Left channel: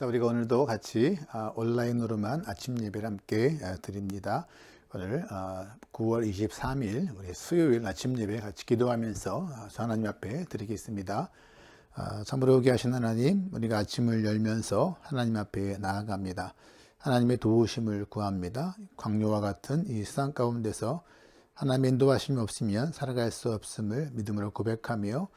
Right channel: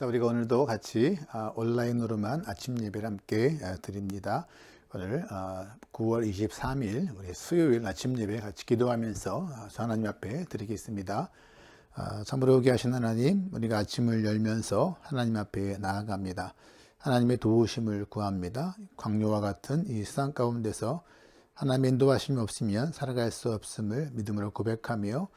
자, 우리가 오늘도 같이 온라인으로만 아침 예배를 함께 드립니다. 오늘 9월 23일 우리 수요일 아침 예배 같이 기도하면서 하나님 앞에 드리겠습니다. 참으로 여기 하신 하나님, 우리가 아침을 열면서 하나님 앞에 나아갑니다. 하나님의 도우심을 구합니다. 광야와 같은 이 세상 가운데서 하나님의 인도하심이 없으면 살아갈 수 없음을 믿음으로 고백하며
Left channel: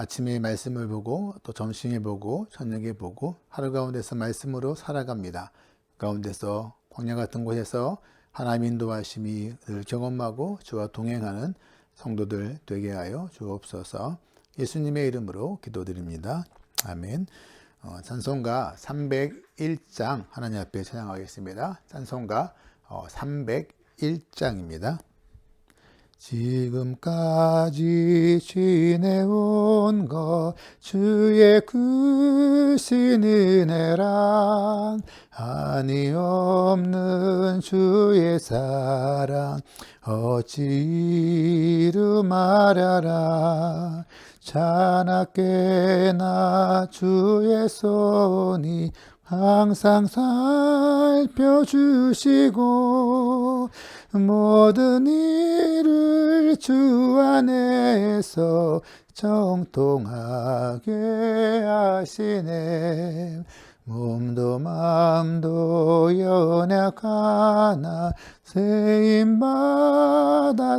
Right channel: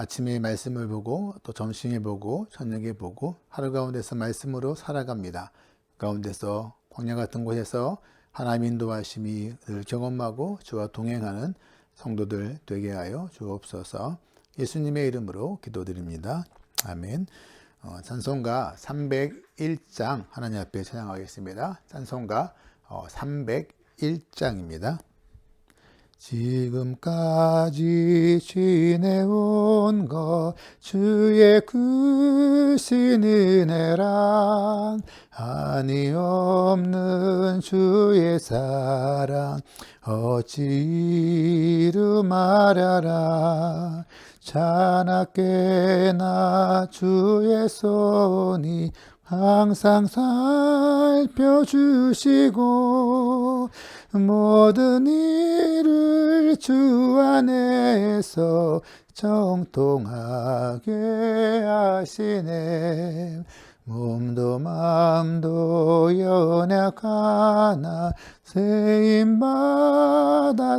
아침에 말씀을 보고 또 점심에 보고 저녁에 보고 하루 가운데서 말씀으로 살아갑니다. 가운데서 광야 같은 곳에서 하나님의 인도하심이 늘 경험하고 주와 동행하는 성도들 되게 하여 주옵소서. 예수님의 이름으로 기도드립니다. 아멘. 찬송가 301장 하나님 앞에 찬양하겠습니다. 찬송가 301장입니다. 지금까지 지내온 것 주의 크신 은혜랑 한이 없는 주의 사랑 어찌 이루 말하라. 자나깨나 주의 손이 항상 살펴주시고 모든 일을 주 안에서 정통하게 하시네. 몸도 마음도 연약하나 세임받아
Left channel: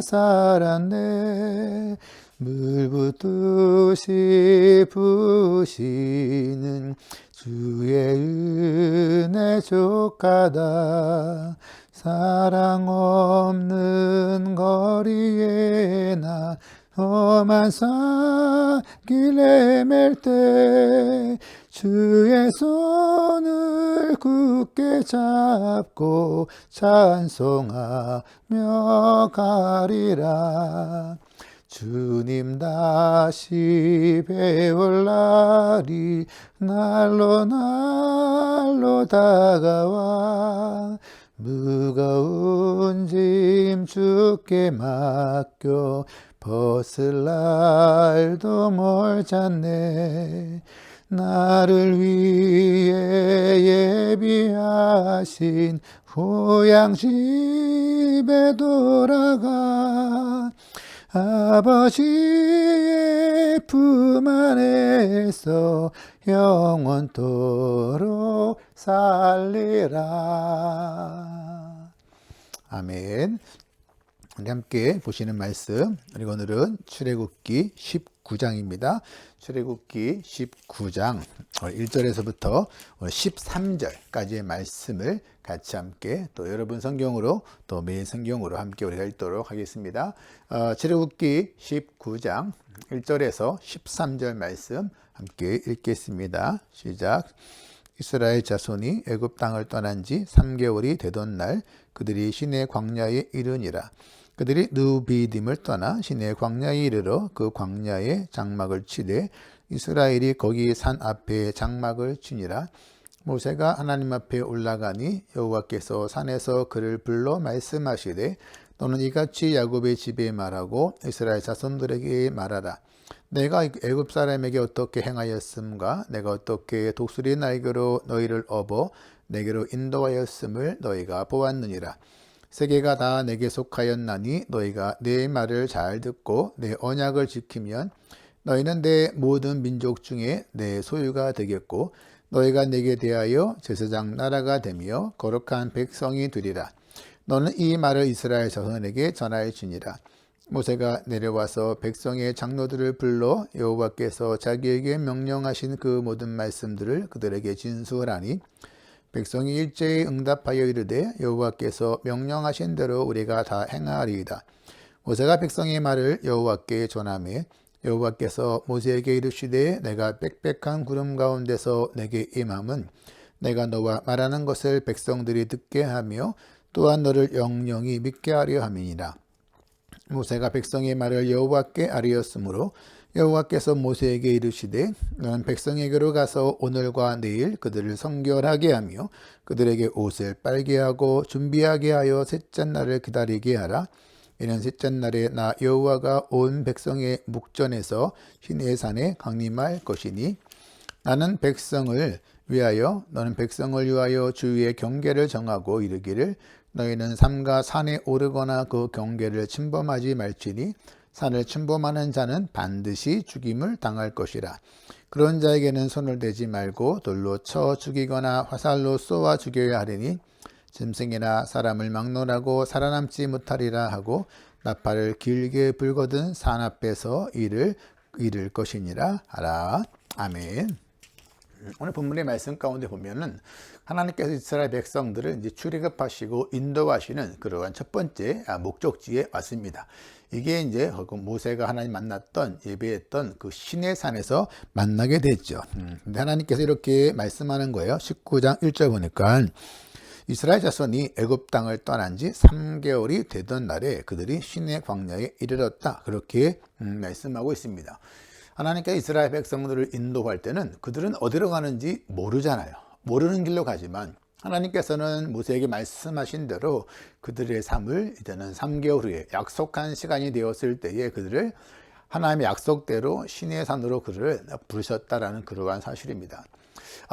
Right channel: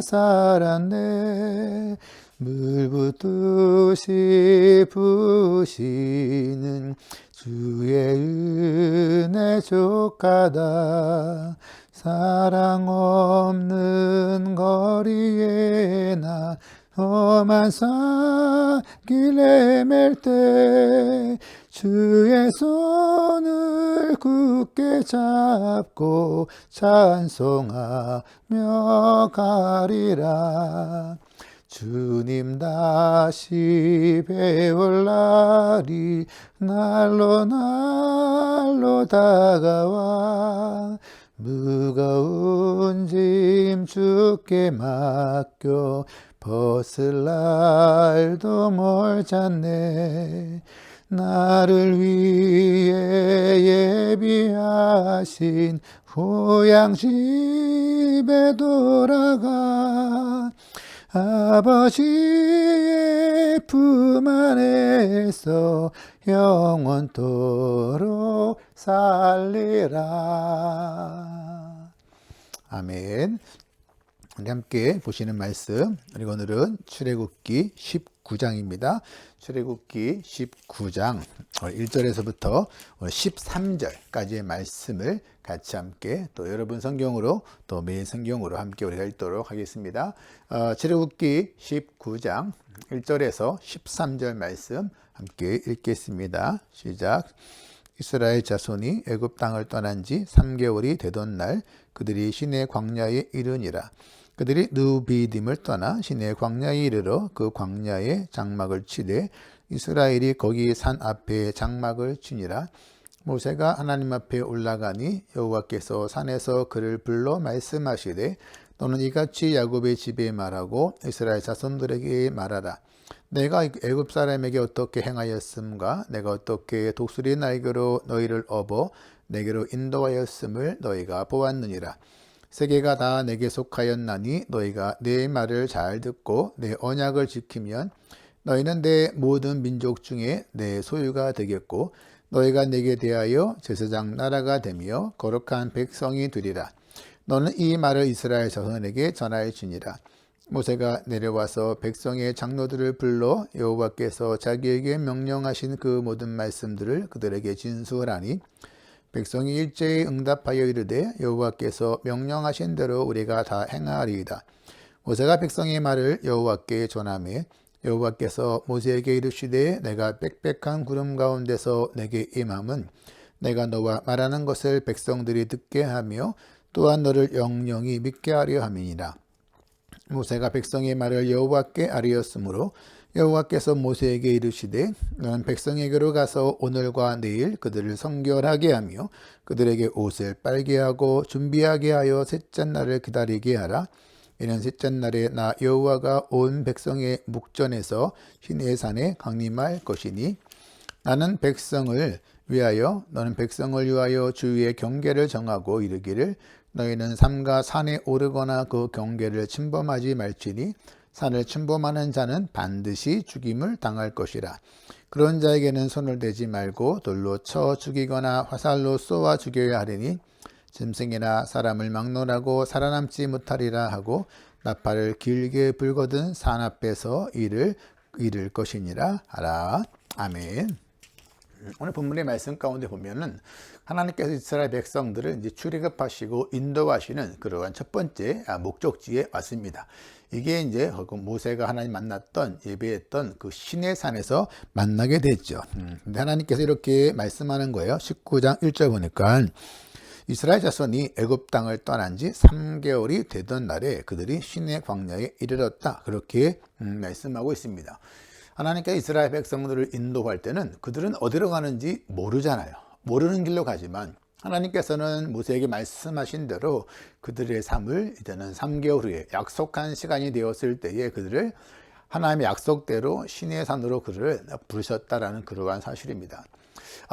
살았네. 물 붓듯이 부시는 주의 은혜 족하다. 사랑 없는 거리에 나 험한 산길 헤맬 때 주의 손을 굳게 잡고 찬송하며 가리라. 주님 다시 배울 날이 날로 다가와 무거운 짐 주께 맡겨 벗을 날도 멀잖네. 나를 위해 예비하신 고향집에 돌아가 아버지의 품 안에서 영원토록 살리라. 아멘. 우리 함께 보시는 말씀, 그리고 오늘은 출애굽기 19장입니다. 출애굽기 19장 1절에서부터 13절까지의 말씀을 같이 함께 또 여러분 성경으로 또 매일 성경으로 함께 우리가 읽도록 하겠습니다. 출애굽기 19장 1절에서 13절 말씀 함께 읽겠습니다. 시작. 이스라엘 자손이 애굽 땅을 떠난 지 3개월이 되던 날 그들이 시내 광야에 이르니라. 그들이 느비딤을 떠나 시내 광야에 이르러 그 광야에 장막을 치되 이스라엘이 거기 산 앞에 장막을 치니라. 모세가 하나님 앞에 올라가니 여호와께서 산에서 그를 불러 말씀하시되 너는 이같이 야곱의 집에 말하고 이스라엘 자손들에게 말하라. 내가 애굽 사람에게 어떻게 행하였음과 내가 어떻게 독수리 날개로 너희를 업어 내게로 인도하였음을 너희가 보았느니라. 세계가 다 내게 속하였나니 너희가 내 말을 잘 듣고 내 언약을 지키면 너희는 내 모든 민족 중에 내 소유가 되겠고 너희가 내게 대하여 제사장 나라가 되며 거룩한 백성이 되리라. 너는 이 말을 이스라엘 자손에게 전하여주니라. 모세가 내려와서 백성의 장로들을 불러 여호와께서 자기에게 명령하신 그 모든 말씀들을 그들에게 진술하니 백성이 일제히 응답하여 이르되 여호와께서 명령하신 대로 우리가 다 행하리이다. 모세가 백성의 말을 여호와께 전하매 여호와께서 모세에게 이르시되 내가 빽빽한 구름 가운데서 내게 임함은 내가 너와 말하는 것을 백성들이 듣게 하며 또한 너를 영영히 믿게 하려 함이니라. 모세가 백성의 말을 여호와께 아뢰었으므로 여호와께서 모세에게 이르시되 너는 백성에게로 가서 오늘과 내일 그들을 성결하게 하며 그들에게 옷을 빨게 하고 준비하게 하여 셋째 날을 기다리게 하라. 이는 셋째 날에 나 여호와가 온 백성의 묵전에서 시내산에 강림할 것이니 나는 백성을 위하여 너는 백성을 위하여 주위의 경계를 정하고 이르기를 너희는 삼가 산에 오르거나 그 경계를 침범하지 말지니 산을 침범하는 자는 반드시 죽임을 당할 것이라. 그런 자에게는 손을 대지 말고 돌로 쳐 죽이거나 화살로 쏘아 죽여야 하리니 짐승이나 사람을 막론하고 살아남지 못하리라 하고 나팔을 길게 불거든 산 앞에서 이를 이를 것이니라 하라. 아멘. 오늘 본문의 말씀 가운데 보면은 하나님께서 이스라엘 백성들을 이제 출애굽하시고 인도하시는 그러한 첫 번째 목적지에 왔습니다. 이게 이제 모세가 하나님 만났던 예배했던 그 시내산에서 만나게 됐죠. 근데 하나님께서 이렇게 말씀하는 거예요. 19장 1절 보니까 이스라엘 자손이 애굽 땅을 떠난 지 3개월이 되던 날에 그들이 시내 광야에 이르렀다. 그렇게 말씀하고 있습니다. 하나님께서 이스라엘 백성들을 인도할 때는 그들은 어디로 가는지 모르잖아요. 모르는 길로 가지만 하나님께서는 모세에게 말씀하신 대로 그들의 삶을 이제는 3개월 후에 약속한 시간이 되었을 때에 그들을 하나님의 약속대로 시내 산으로 그를 부르셨다라는 그러한 사실입니다.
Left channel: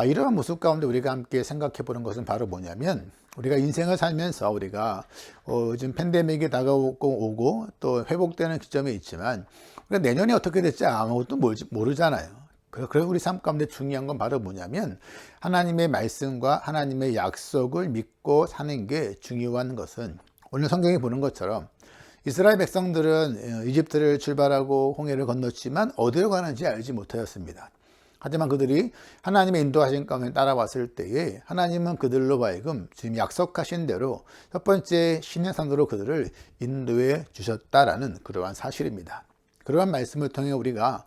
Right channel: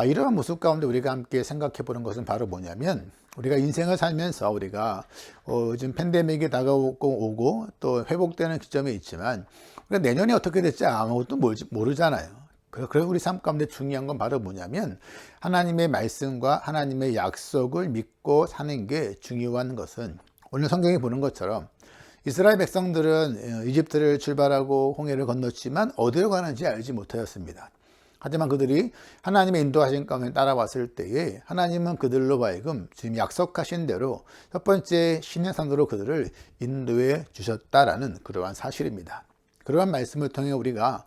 이러한 모습 가운데 우리가 함께 생각해 보는 것은 바로 뭐냐면 우리가 인생을 살면서 우리가 요즘 팬데믹이 다가오고 또 회복되는 기점에 있지만 우리가 내년이 어떻게 될지 아무것도 모르잖아요. 그래서 우리 삶 가운데 중요한 건 바로 뭐냐면 하나님의 말씀과 하나님의 약속을 믿고 사는 게 중요한 것은 오늘 성경에 보는 것처럼 이스라엘 백성들은 이집트를 출발하고 홍해를 건넜지만 어디로 가는지 알지 못하였습니다. 하지만 그들이 하나님의 인도하신 가운데 따라왔을 때에 하나님은 그들로 하여금 지금 약속하신 대로 첫 번째 시내산으로 그들을 인도해 주셨다라는 그러한 사실입니다. 그러한 말씀을 통해 우리가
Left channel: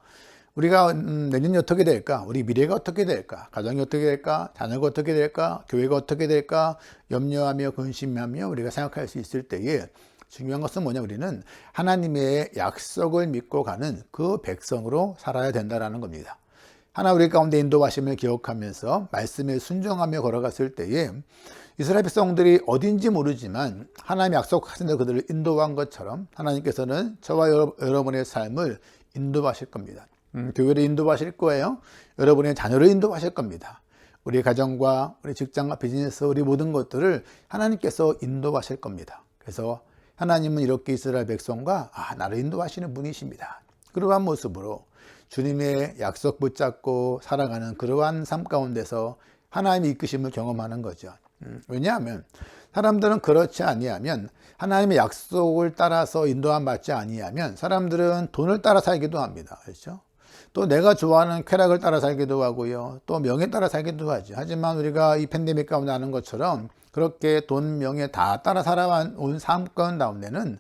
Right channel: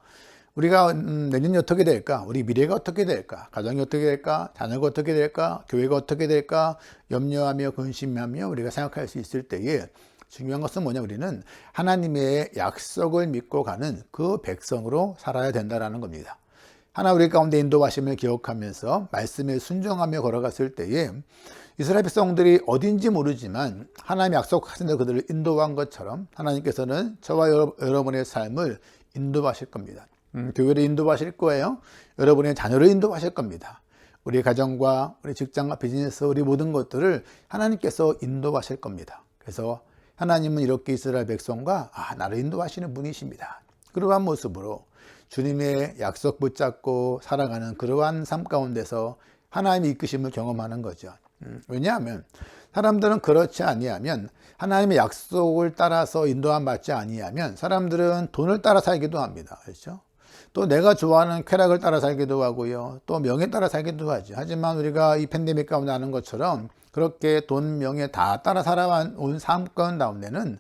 내년이 어떻게 될까? 우리 미래가 어떻게 될까? 가정이 어떻게 될까? 자녀가 어떻게 될까? 교회가 어떻게 될까? 염려하며 근심하며 우리가 생각할 수 있을 때에 중요한 것은 뭐냐? 우리는 하나님의 약속을 믿고 가는 그 백성으로 살아야 된다는 겁니다. 하나 우리 가운데 인도하심을 기억하면서 말씀에 순종하며 걸어갔을 때에 이스라엘 백성들이 어딘지 모르지만 하나님이 약속하신 대로 그들을 인도한 것처럼 하나님께서는 저와 여러분의 삶을 인도하실 겁니다. 교회를 인도하실 거예요. 여러분의 자녀를 인도하실 겁니다. 우리 가정과 우리 직장과 비즈니스 우리 모든 것들을 하나님께서 인도하실 겁니다. 그래서 하나님은 이렇게 이스라엘 백성과 나를 인도하시는 분이십니다. 그러한 모습으로 주님의 약속 붙잡고 살아가는 그러한 삶 가운데서 하나님의 이끄심을 경험하는 거죠. 왜냐하면 사람들은 그렇지 아니하면 하나님의 약속을 따라서 인도함 받지 아니하면 사람들은 돈을 따라 살기도 합니다. 그렇죠? 또 내가 좋아하는 쾌락을 따라 살기도 하고요. 또 명예 따라 살기도 하죠. 하지만 우리가 이 팬데믹 가운데 아는 것처럼 그렇게 돈, 명예 다 따라 살아온 삶 가운데는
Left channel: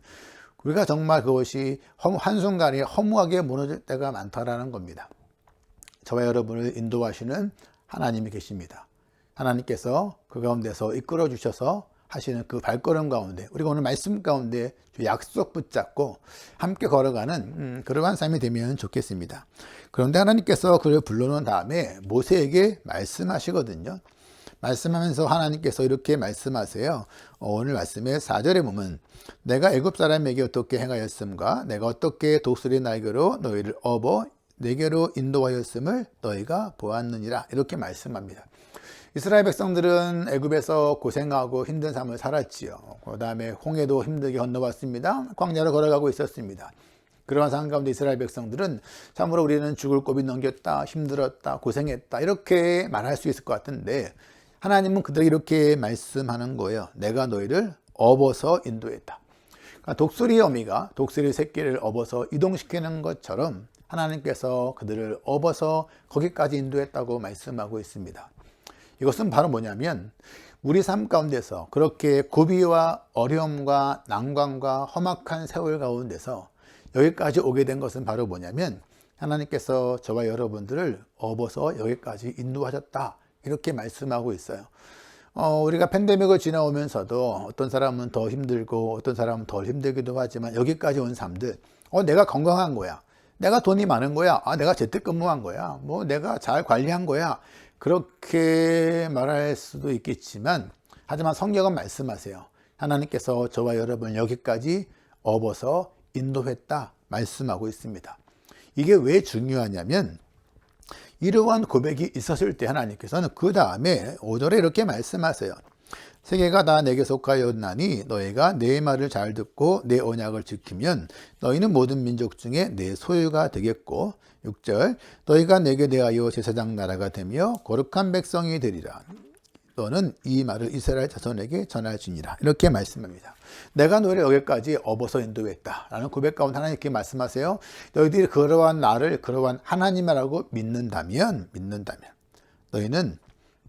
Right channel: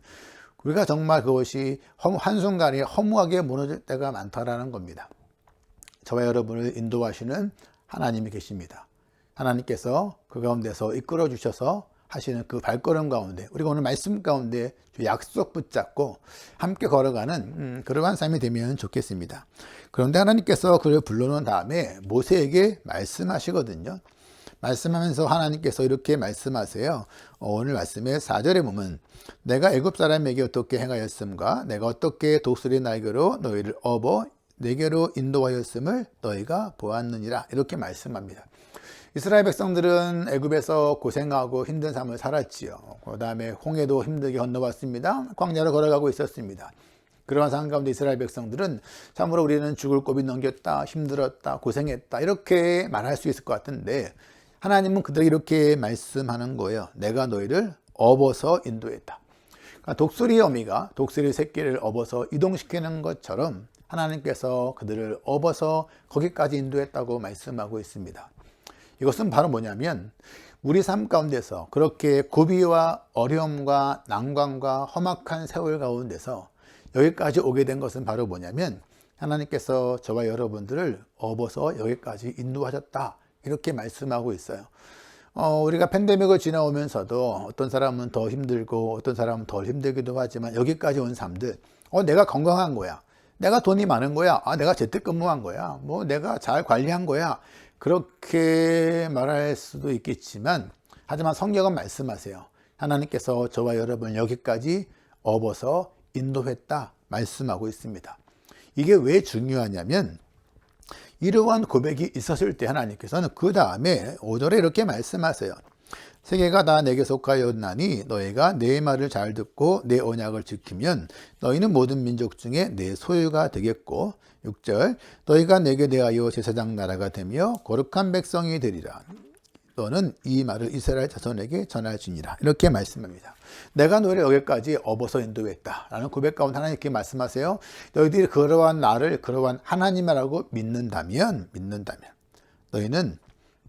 우리가 정말 그것이 한순간에 허무하게 무너질 때가 많다라는 겁니다. 저와 여러분을 인도하시는 하나님이 계십니다. 하나님께서 그 가운데서 이끌어 주셔서 하시는 그 발걸음 가운데 우리가 오늘 말씀 가운데 약속 붙잡고 함께 걸어가는 그러한 삶이 되면 좋겠습니다. 그런데 하나님께서 그를 불러놓은 다음에 모세에게 말씀하시거든요. 말씀하면서 하나님께서 이렇게 말씀하세요. 오늘 말씀의 4절에 보면 내가 애굽 사람에게 어떻게 행하였음과 내가 어떻게 독수리 날개로 너희를 업어 내게로 인도하였음을 너희가 보았느니라 이렇게 말씀합니다. 이스라엘 백성들은 애굽에서 고생하고 힘든 삶을 살았지요. 그 다음에 홍해도 힘들게 건너왔습니다. 광야를 걸어가고 있었습니다. 그러한 상황 가운데 이스라엘 백성들은 참으로 우리는 죽을 고비 넘겼다, 힘들었다, 고생했다 이렇게 말할 수 있을 것 같은데 하나님은 그들에게 이렇게 말씀하는 거예요. 내가 너희를 업어서 인도했다. 그러니까 독수리의 어미가 독수리 새끼를 업어서 이동시키는 것처럼 하나님께서 그들을 업어서 거기까지 인도했다고 말씀하고 있습니다. 이것은 바로 뭐냐면 우리 삶 가운데서 그렇게 고비와 어려움과 난관과 험악한 세월 가운데서 여기까지 오게 된 것은 바로 뭐냐면 하나님께서 저와 여러분들을 업어서 여기까지 인도하셨다 이렇게 말씀하고 있어요. 우리가 팬데믹을 지나오면서도 어떤 사람은 더 힘들고 어떤 사람은 덜 힘들기도 하지만 여기까지 온 사람들 내가 건강한 거야, 내가 돈이 많은 거야, 내가 재택근무한 거야, 뭐 내가 잘 관리한 거야 그렇게 말할 수도 있겠지만 하지만 성경은 말씀하세요. 하나님께서 저와 여러분을 여기까지 업어서 인도했다 말씀하고 있습니다. 이게 왜 중요하냐면 이러한 고백이 있었을 때 하나님께서는 그 다음에 5절에 이렇게 말씀하세요. 세계가 다 내게 속하였나니 너희가 내 말을 잘 듣고 내 언약을 지키면 너희는 모든 민족 중에 내 소유가 되겠고 6절 너희가 내게 대하여 제사장 나라가 되며 거룩한 백성이 되리라. 너는 이 말을 이스라엘 자손에게 전할지니라. 이렇게 말씀합니다. 내가 너희를 여기까지 업어서 인도했다 라는 고백 가운데 하나님께 말씀하세요. 너희들이 그러한 나를 그러한 하나님이라고 믿는다면 너희는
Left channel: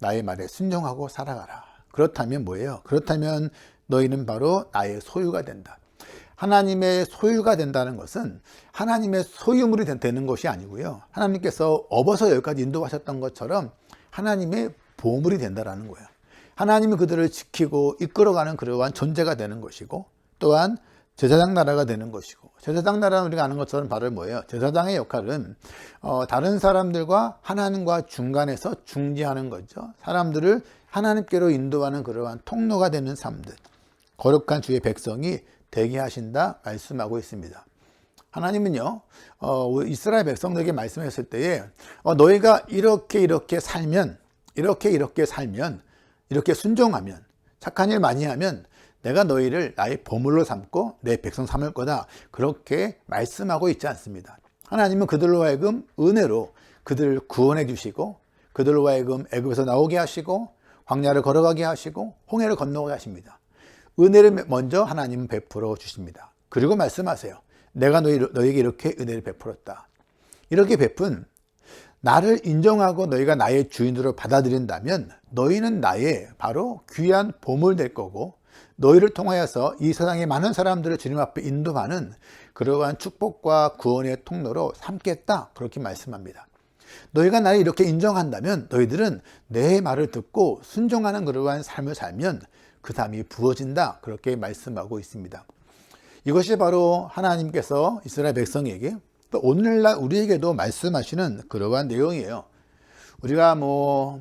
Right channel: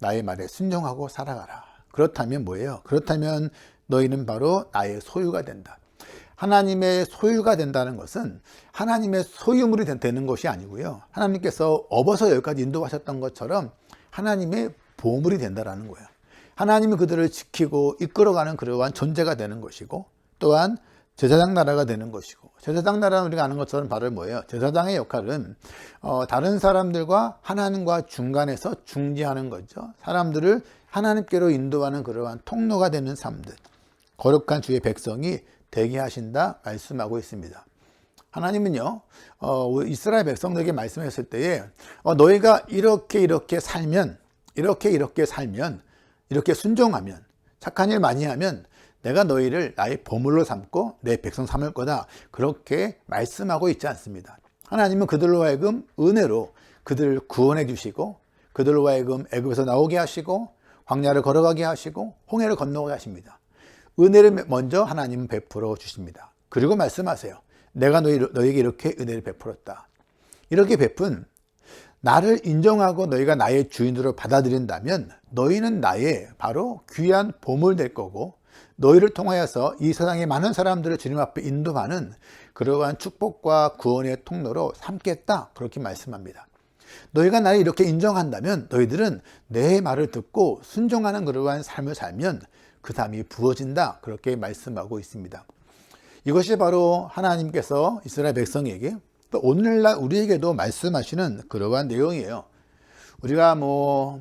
나의 말에 순종하고 살아가라. 그렇다면 뭐예요? 그렇다면 너희는 바로 나의 소유가 된다. 하나님의 소유가 된다는 것은 하나님의 소유물이 되는 것이 아니고요. 하나님께서 업어서 여기까지 인도하셨던 것처럼 하나님의 보물이 된다는 거예요. 하나님이 그들을 지키고 이끌어가는 그러한 존재가 되는 것이고 또한 제사장 나라가 되는 것이고 제사장 나라는 우리가 아는 것처럼 바로 뭐예요? 제사장의 역할은 다른 사람들과 하나님과 중간에서 중지하는 거죠. 사람들을 하나님께로 인도하는 그러한 통로가 되는 삶들, 거룩한 주의 백성이 되게 하신다 말씀하고 있습니다. 하나님은요 이스라엘 백성들에게 말씀했을 때에 너희가 이렇게 살면 이렇게 순종하면 착한 일 많이 하면 내가 너희를 나의 보물로 삼고 내 백성 삼을 거다 그렇게 말씀하고 있지 않습니다. 하나님은 그들로 하여금 은혜로 그들을 구원해 주시고 그들로 하여금 애굽에서 나오게 하시고 광야를 걸어가게 하시고 홍해를 건너게 하십니다. 은혜를 먼저 하나님은 베풀어 주십니다. 그리고 말씀하세요. 내가 너희에게 이렇게 은혜를 베풀었다. 이렇게 베푼 나를 인정하고 너희가 나의 주인으로 받아들인다면 너희는 나의 바로 귀한 보물 될 거고 너희를 통하여서 이 세상의 많은 사람들을 주님 앞에 인도하는 그러한 축복과 구원의 통로로 삼겠다 그렇게 말씀합니다. 너희가 나를 이렇게 인정한다면 너희들은 내 말을 듣고 순종하는 그러한 삶을 살면 그 삶이 부어진다 그렇게 말씀하고 있습니다. 이것이 바로 하나님께서 이스라엘 백성에게 또 오늘날 우리에게도 말씀하시는 그러한 내용이에요. 우리가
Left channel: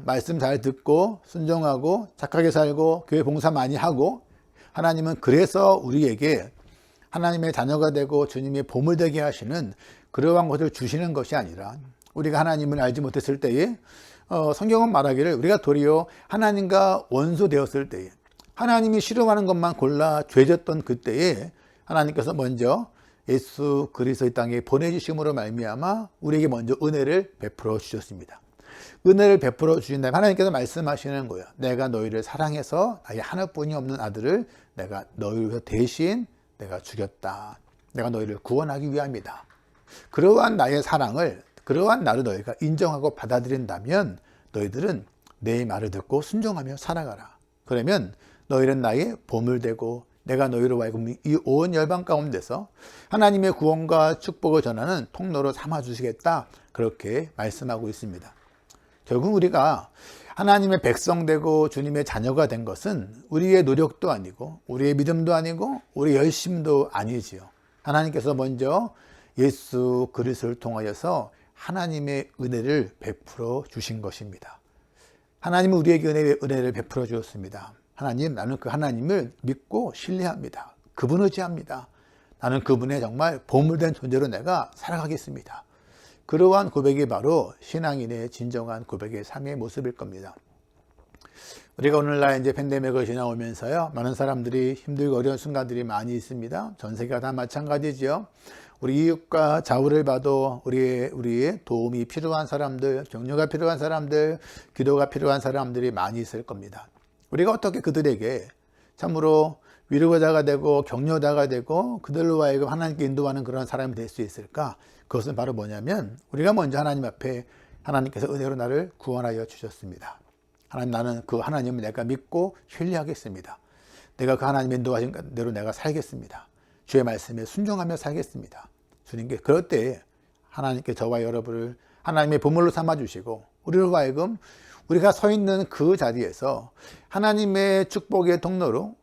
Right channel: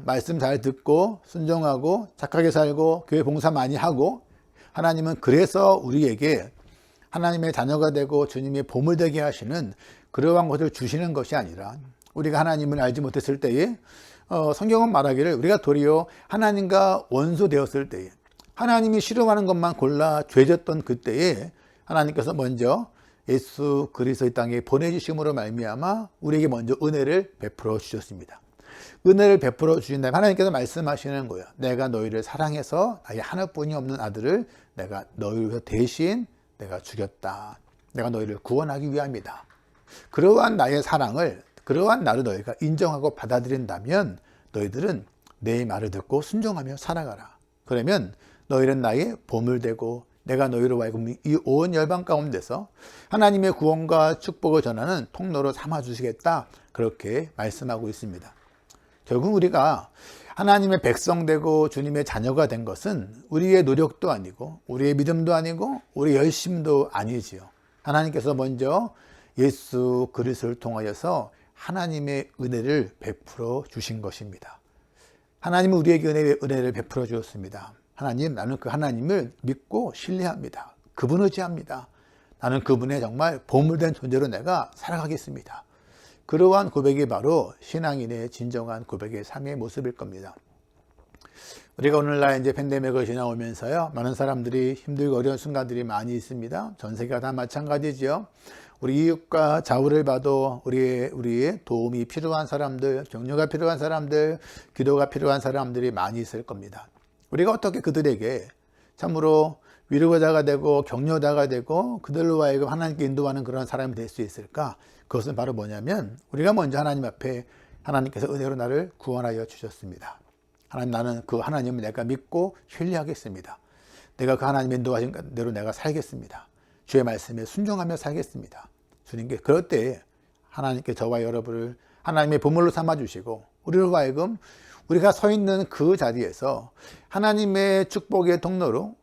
말씀 잘 듣고 순종하고 착하게 살고 교회 봉사 많이 하고 하나님은 그래서 우리에게 하나님의 자녀가 되고 주님의 보물 되게 하시는 그러한 것을 주시는 것이 아니라 우리가 하나님을 알지 못했을 때에 성경은 말하기를 우리가 도리어 하나님과 원수 되었을 때에 하나님이 싫어하는 것만 골라 죄졌던 그때에 하나님께서 먼저 예수 그리스도의 땅에 보내주심으로 말미암아 우리에게 먼저 은혜를 베풀어 주셨습니다. 은혜를 베풀어 주신 다음에 하나님께서 말씀하시는 거예요. 내가 너희를 사랑해서 나의 하나뿐이 없는 아들을 내가 너희를 위해서 대신 내가 죽였다. 내가 너희를 구원하기 위함이다. 그러한 나의 사랑을 그러한 나를 너희가 인정하고 받아들인다면 너희들은 내 말을 듣고 순종하며 살아가라. 그러면 너희는 나의 보물되고 내가 너희로 하여금 이 온 열방 가운데서 하나님의 구원과 축복을 전하는 통로로 삼아주시겠다 그렇게 말씀하고 있습니다. 결국 우리가 하나님의 백성 되고 주님의 자녀가 된 것은 우리의 노력도 아니고 우리의 믿음도 아니고 우리의 열심도 아니지요. 하나님께서 먼저 예수 그리스도를 통하여서 하나님의 은혜를 베풀어 주신 것입니다. 하나님은 우리에게 은혜를 베풀어 주었습니다. 하나님, 나는 그 하나님을 믿고 신뢰합니다. 그분 의지합니다. 나는 그분의 정말 보물된 존재로 내가 살아가겠습니다. 그러한 고백이 바로 신앙인의 진정한 고백의 삶의 모습일 겁니다. 우리가 오늘날 이제 팬데믹을 지나오면서요, 많은 사람들이 힘들고 어려운 순간들이 많이 있습니다. 전 세계가 다 마찬가지죠. 우리 이웃과 좌우를 봐도 우리의 도움이 필요한 사람들, 격려가 필요한 사람들, 기도가 필요한 사람들이 많이 있을 겁니다. 우리가 어떻게 그들에게 참으로 위로자가 되고 격려자가 되고 그들로 하여금 하나님께 인도하는 그런 사람이 될 수 있을까? 그것은 바로 뭐냐면 우리가 먼저 하나님 앞에 하나님께서 은혜로 나를 구원하여 주셨습니다. 하나님, 나는 그 하나님을 내가 믿고 신뢰하겠습니다. 내가 그 하나님의 인도하신 대로 내가 살겠습니다. 주의 말씀에 순종하며 살겠습니다. 주님께 그럴 때 하나님께 저와 여러분을 하나님의 보물로 삼아주시고 우리로 하여금 우리가 서 있는 그 자리에서 하나님의 축복의 통로로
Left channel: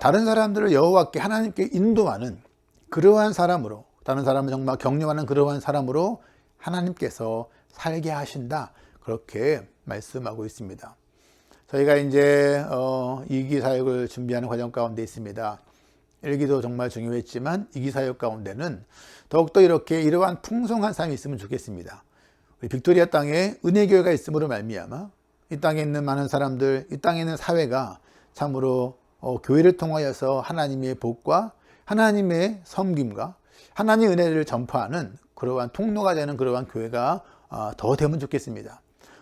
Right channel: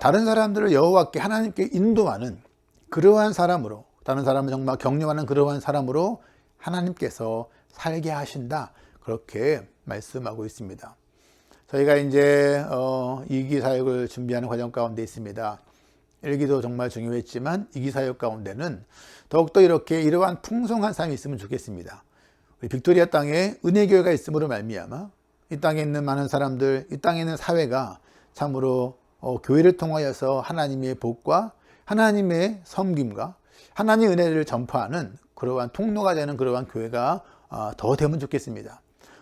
다른 사람들을 여호와께 하나님께 인도하는 그러한 사람으로, 다른 사람을 정말 격려하는 그러한 사람으로 하나님께서 살게 하신다 그렇게 말씀하고 있습니다. 저희가 이제 2기 사역을 준비하는 과정 가운데 있습니다. 1기도 정말 중요했지만 2기 사역 가운데는 더욱더 이러한 풍성한 삶이 있으면 좋겠습니다. 빅토리아 땅에 은혜교회가 있음으로 말미암아 이 땅에 있는 많은 사람들, 이 땅에 있는 사회가 참으로 교회를 통하여서 하나님의 복과 하나님의 섬김과 하나님의 은혜를 전파하는 그러한 통로가 되는 그러한 교회가 더 되면 좋겠습니다.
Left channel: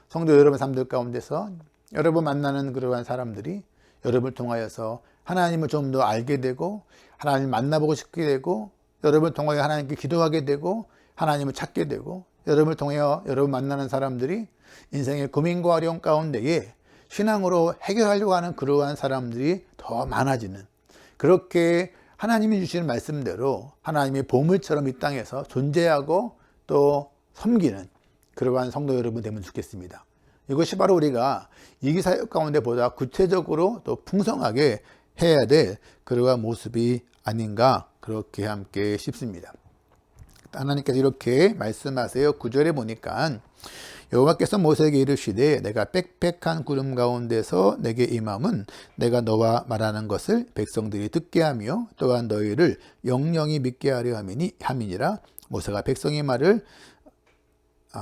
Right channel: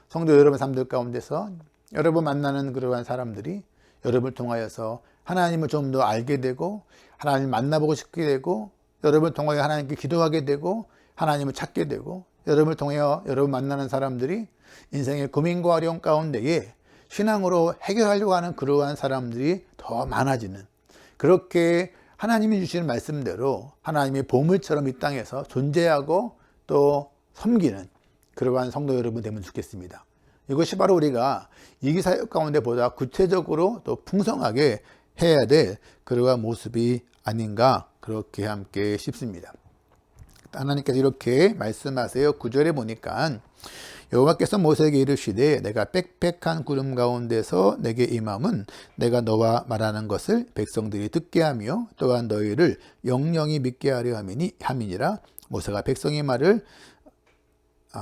성도 여러분 삶들 가운데서 여러분 만나는 그러한 사람들이 여러분을 통하여서 하나님을 좀 더 알게 되고 하나님을 만나보고 싶게 되고 여러분을 통하여 하나님께 기도하게 되고 하나님을 찾게 되고 여러분을 통하여 여러분 만나는 사람들이 인생의 고민과 어려움 가운데에 신앙으로 해결하려고 하는 그러한 사람들이 더 많아지는, 그렇게 하나님이 주시는 말씀대로 하나님의 보물처럼 이 땅에서 존재하고 또 섬기는 그러한 성도 여러분 되면 좋겠습니다. 이것이 바로 우리가 이기사역 가운데 보다 구체적으로 또 풍성하게 해야 될 그러한 모습이 아닌가, 그렇게 함께 싶습니다. 하나님께서 이렇게 말씀하세요. 9절에 보니까 여호와께서 모세에게 이르시되 내가 빽빽한 구름 가운데서 내게 임함은 내가 너와 말하는 것을 백성들이 듣게 하며 또한 너희를 영영이 믿게 하려 함이니라. 모세가 백성의 말을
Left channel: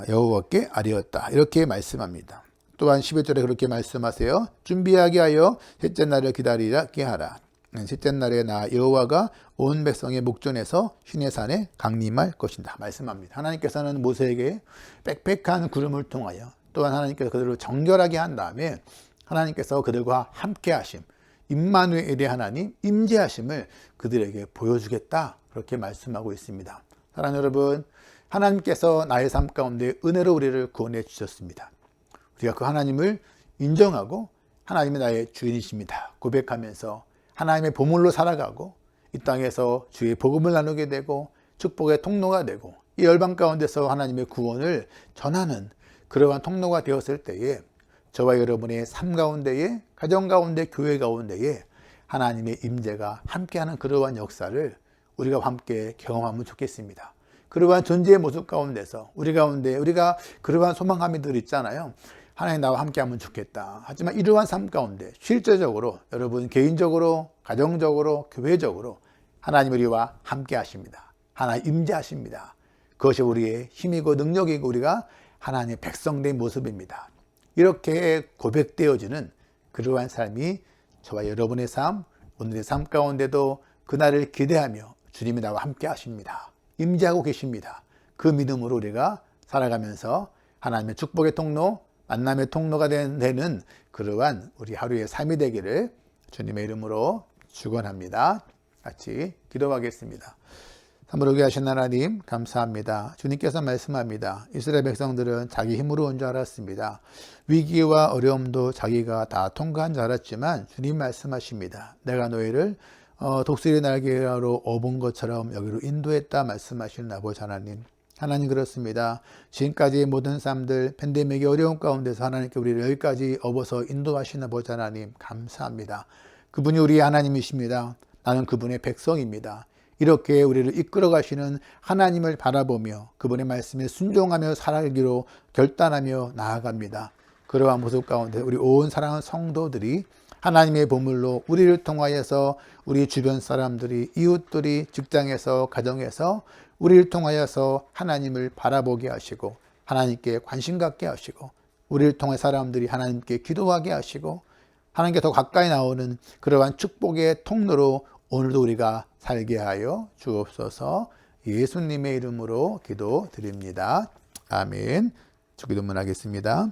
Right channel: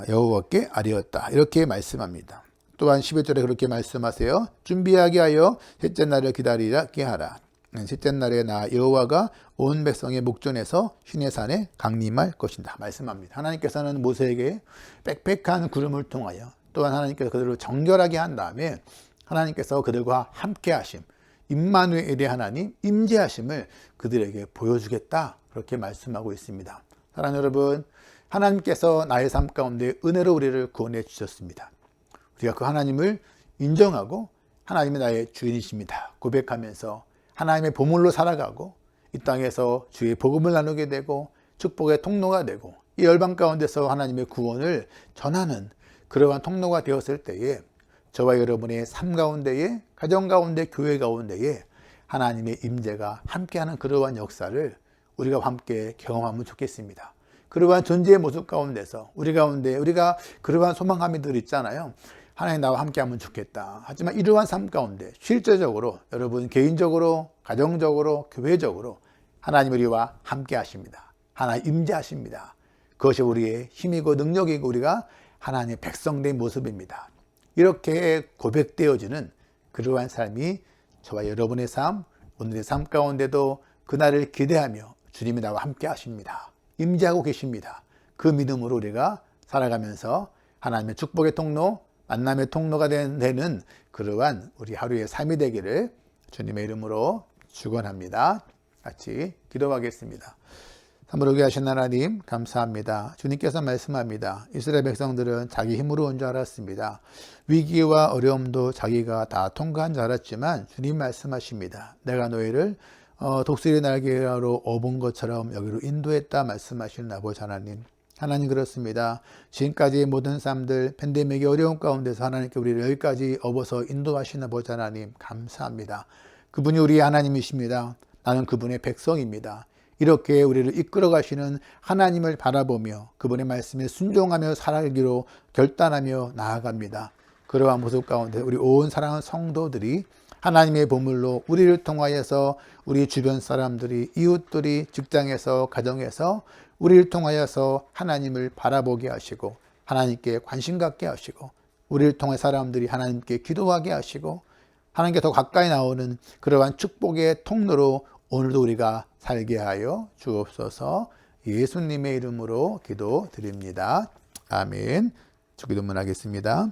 여호와께 아뢰었다. 이렇게 말씀합니다. 또한 11절에 그렇게 말씀하세요. 준비하게 하여 셋째 날을 기다리게 하라. 셋째 날에 나 여호와가 온 백성의 목전에서 시내산에 강림할 것이다 말씀합니다. 하나님께서는 모세에게 빽빽한 구름을 통하여 또한 하나님께서 그들을 정결하게 한 다음에 하나님께서 그들과 함께 하심, 임마누엘의 하나님 임재하심을 그들에게 보여주겠다, 그렇게 말씀하고 있습니다. 사랑하는 여러분, 하나님께서 나의 삶 가운데 은혜로 우리를 구원해 주셨습니다. 우리가 그 하나님을 인정하고 하나님이 나의 주인이십니다 고백하면서 하나님의 보물로 살아가고 이 땅에서 주의 복음을 나누게 되고 축복의 통로가 되고 이 열방 가운데서 하나님의 구원을 전하는 그러한 통로가 되었을 때에 저와 여러분의 삶 가운데에, 가정 가운데, 교회 가운데에 하나님의 임재가 함께하는 그러한 역사를 우리가 함께 경험하면 좋겠습니다. 그러한 존재의 모습 가운데서 우리 가운데 우리가 그러한 소망감이 늘 있잖아요. 하나님 나와 함께하면 좋겠다. 하지만 이러한 삶 가운데 실제적으로 여러분 개인적으로, 가정적으로, 교회적으로 하나님 우리와 함께 하십니다. 하나님 임재하십니다. 그것이 우리의 힘이고 능력이고 우리가 하나님의 백성된 모습입니다. 이렇게 고백되어지는 그러한 삶이 저와 여러분의 삶, 오늘의 삶 가운데도 그날을 기대하며 주님이 나와 함께 하십니다. 임재하고 계십니다. 그 믿음으로 우리가 살아가면서 하나님의 축복의 통로, 만남의 통로가 되는 그러한 우리 하루의 삶이 되기를 주님의 이름으로 축원합니다. 같이 기도하겠습니다. 참으로 하신 하나님 감사합니다. 주님께서 말씀합니다. 이스라엘 백성들은 자기 힘으로 온 줄 알았습니다. 위기와 어려움도 자기가 다 통과한 줄 알았지만 주님 말씀하십니다. 내가 너희를 독수리 날개로 업은 것처럼 여기로 인도했다 말씀하시는 아버지 하나님. 하나님 그렇습니다. 지금까지 모든 삶들 팬데믹의 어려움 가운데서 하나님께 우리를 여기까지 업어서 인도하신 아버지 하나님 감사합니다. 그분이 우리의 하나님이십니다. 나는 그분의 백성입니다. 이렇게 우리를 이끌어 가시는 하나님을 바라보며 그분의 말씀에 순종하며 살아가기로 결단하며 나아갑니다. 그러한 모습 가운데 우리 온 사랑하는 성도들이 하나님의 보물로 우리를 통하여서 우리 주변 사람들이, 이웃들이, 직장에서, 가정에서 우리를 통하여서 하나님을 바라보게 하시고 하나님께 관심 갖게 하시고 우리를 통해 사람들이 하나님께 기도하게 하시고 하나님께 더 가까이 나오는 그러한 축복의 통로로 오늘도 우리가 살게 하여 주옵소서. 예수님의 이름으로 기도드립니다. 아멘. 주기도문 하겠습니다.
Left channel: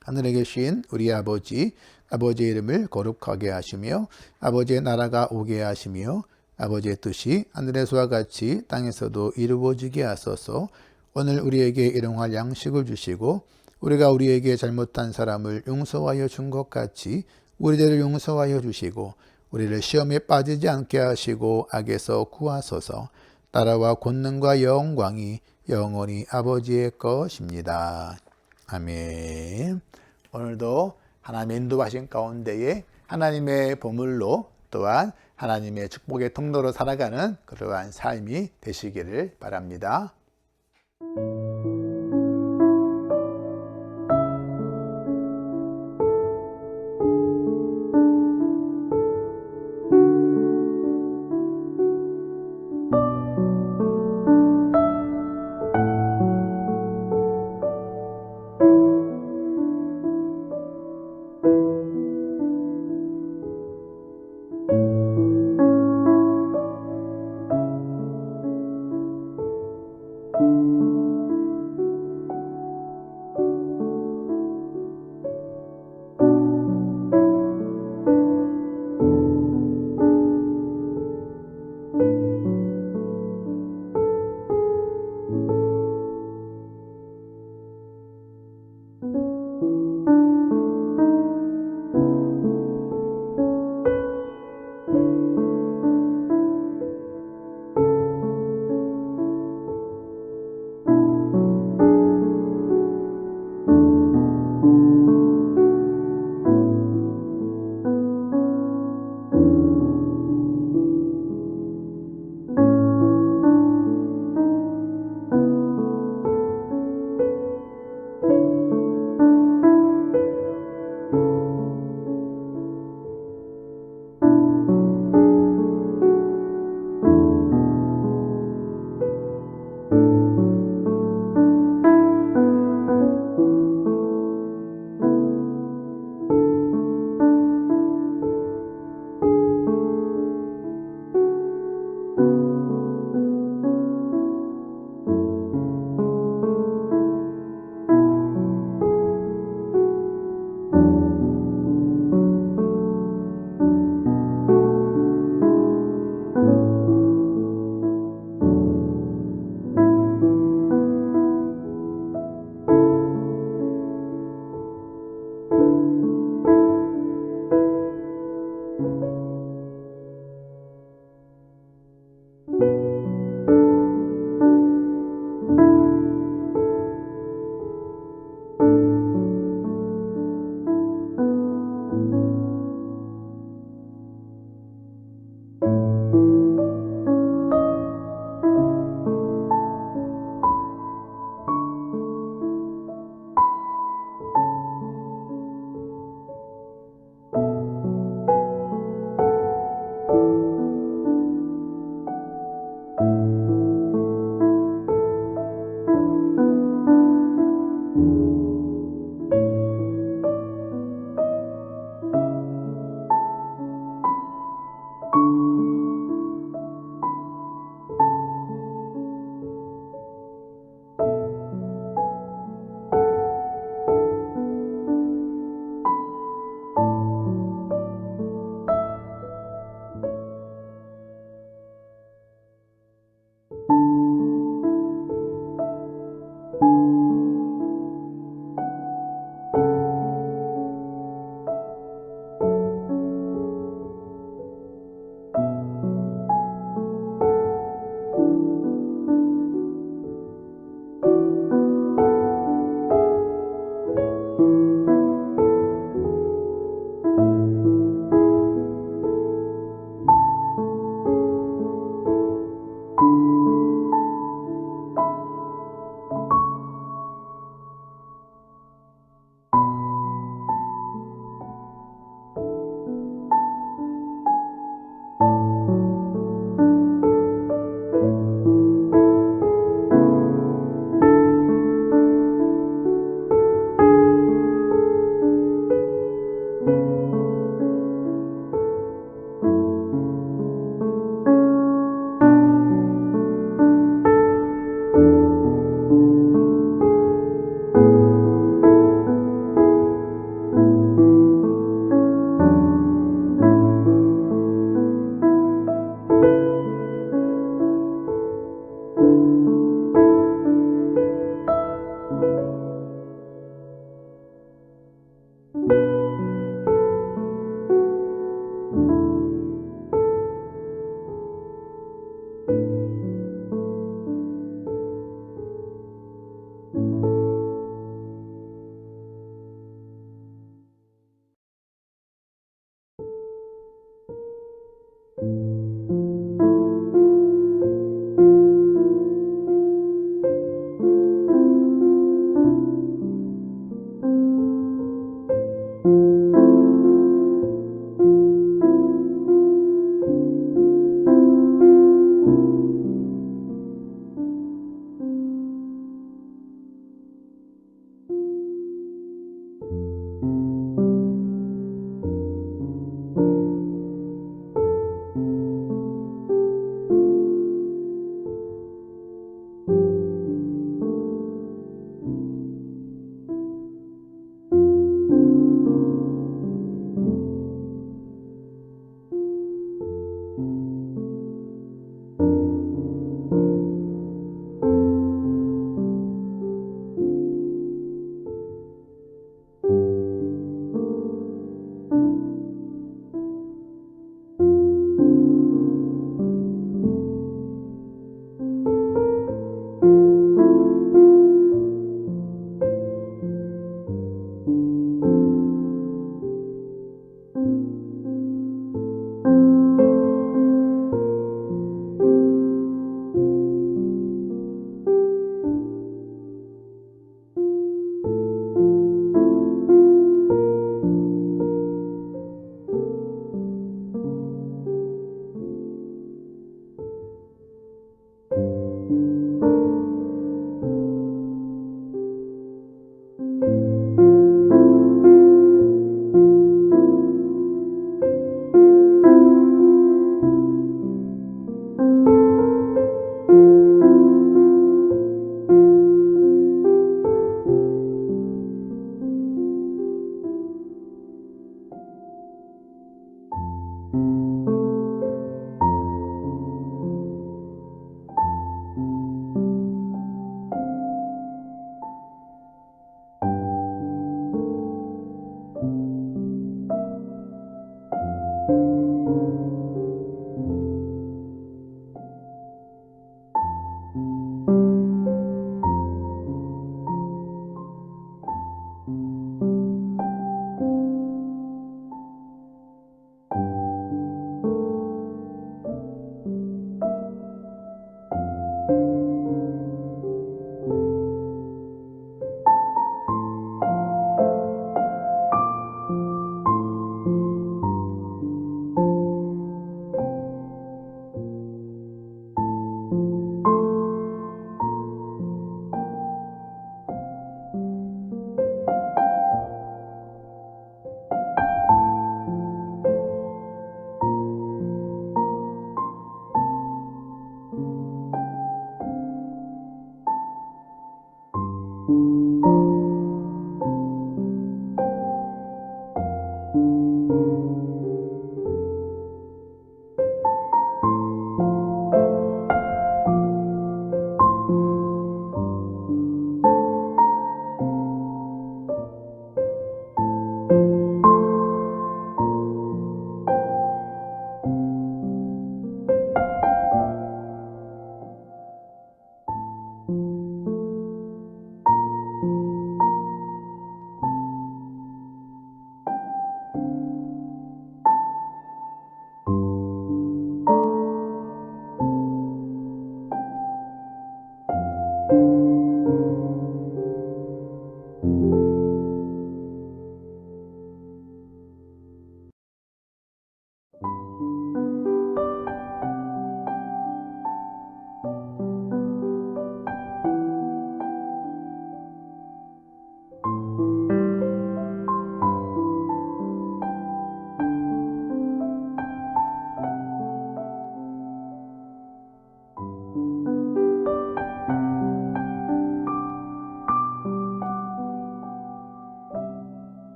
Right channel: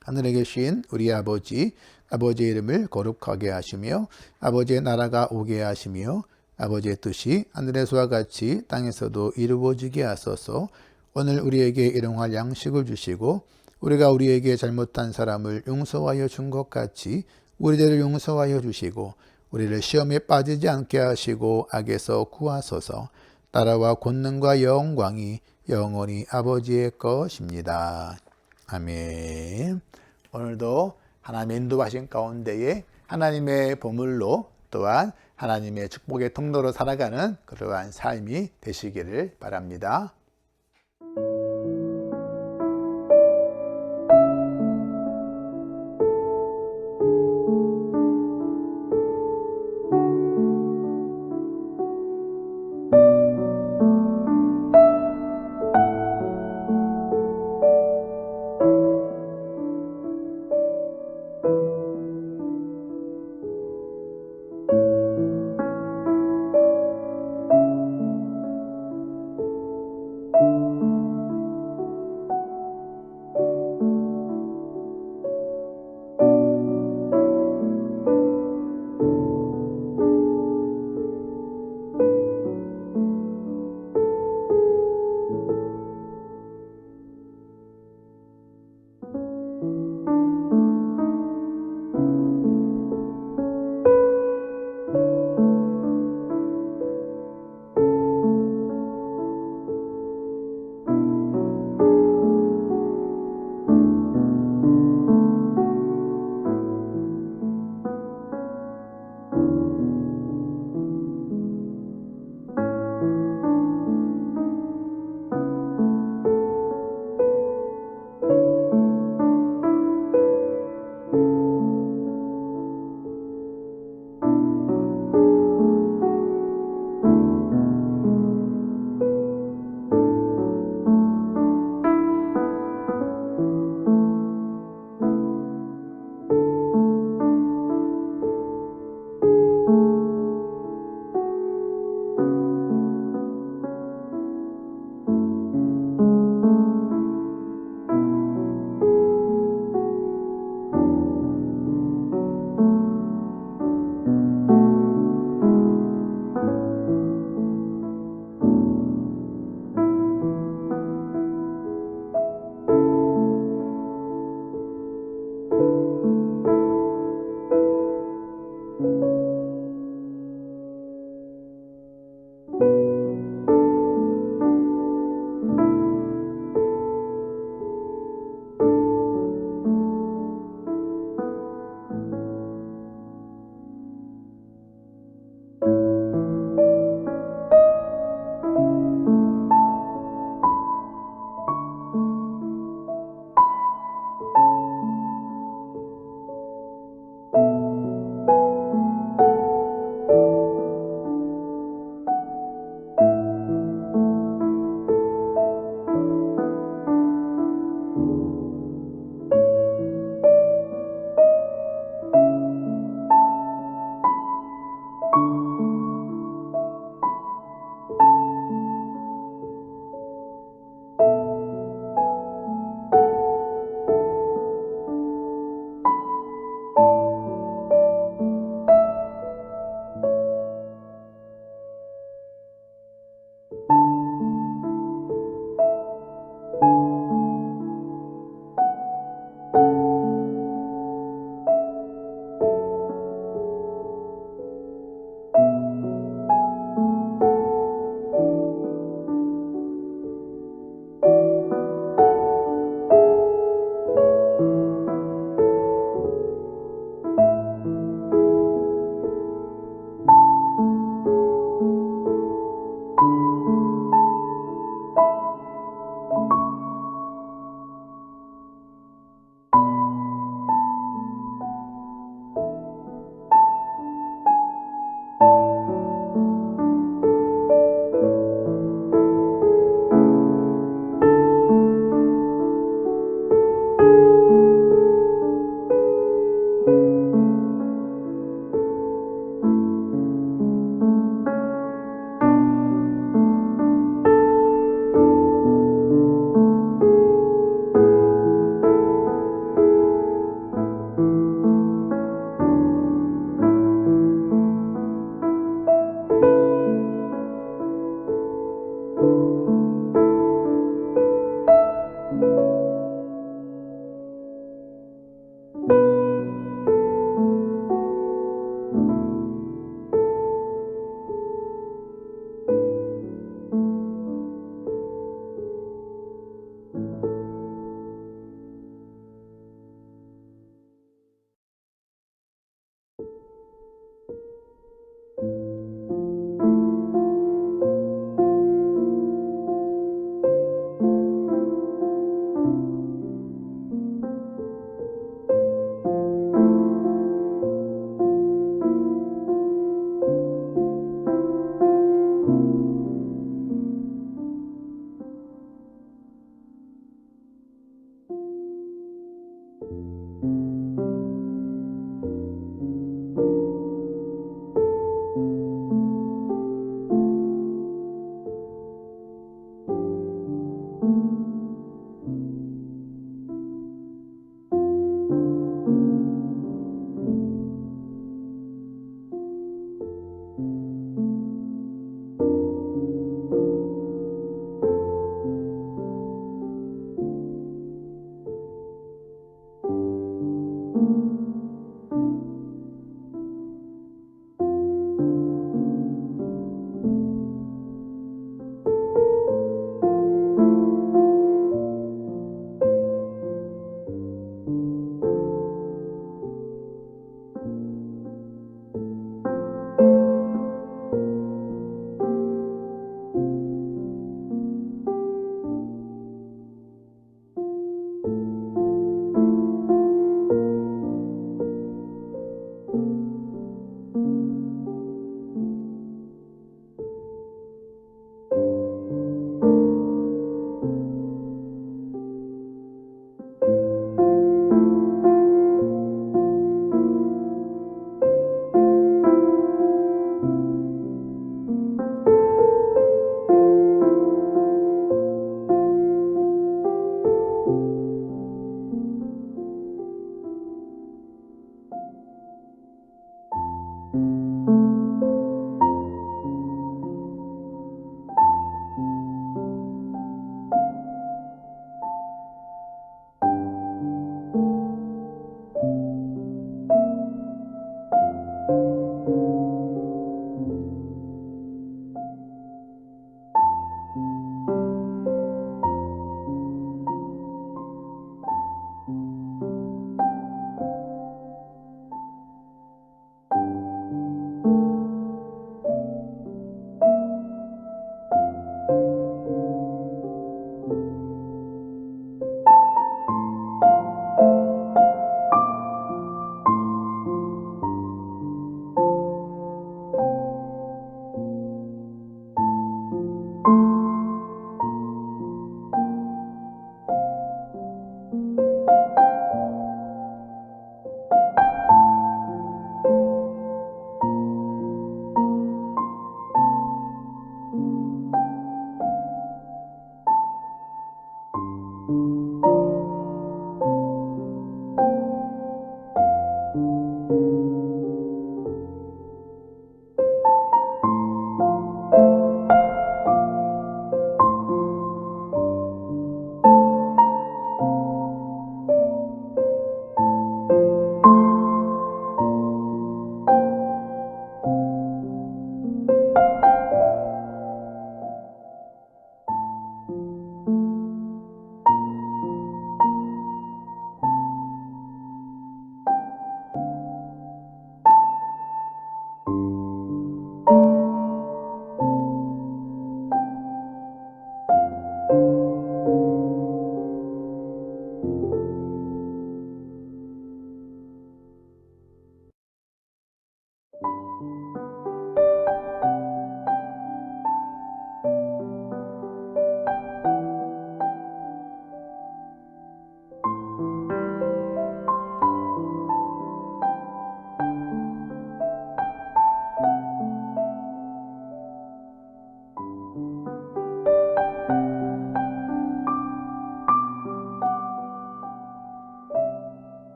하늘에 계신 우리 아버지의 이름을 거룩하게 하시며 아버지의 나라가 오게 하시며 아버지의 뜻이 하늘에서와 같이 땅에서도 이루어지게 하소서. 오늘 우리에게 일용할 양식을 주시고 우리가 우리에게 잘못한 사람을 용서하여 준 것 같이 우리들을 용서하여 주시고 우리를 시험에 빠지지 않게 하시고 악에서 구하소서. 나라와 권능과 영광이 영원히 아버지의 것입니다. 아멘. 오늘도 하나님의 인도하신 가운데에 하나님의 보물로 또한 하나님의 축복의 통로로 살아가는 그러한 삶이 되시기를 바랍니다.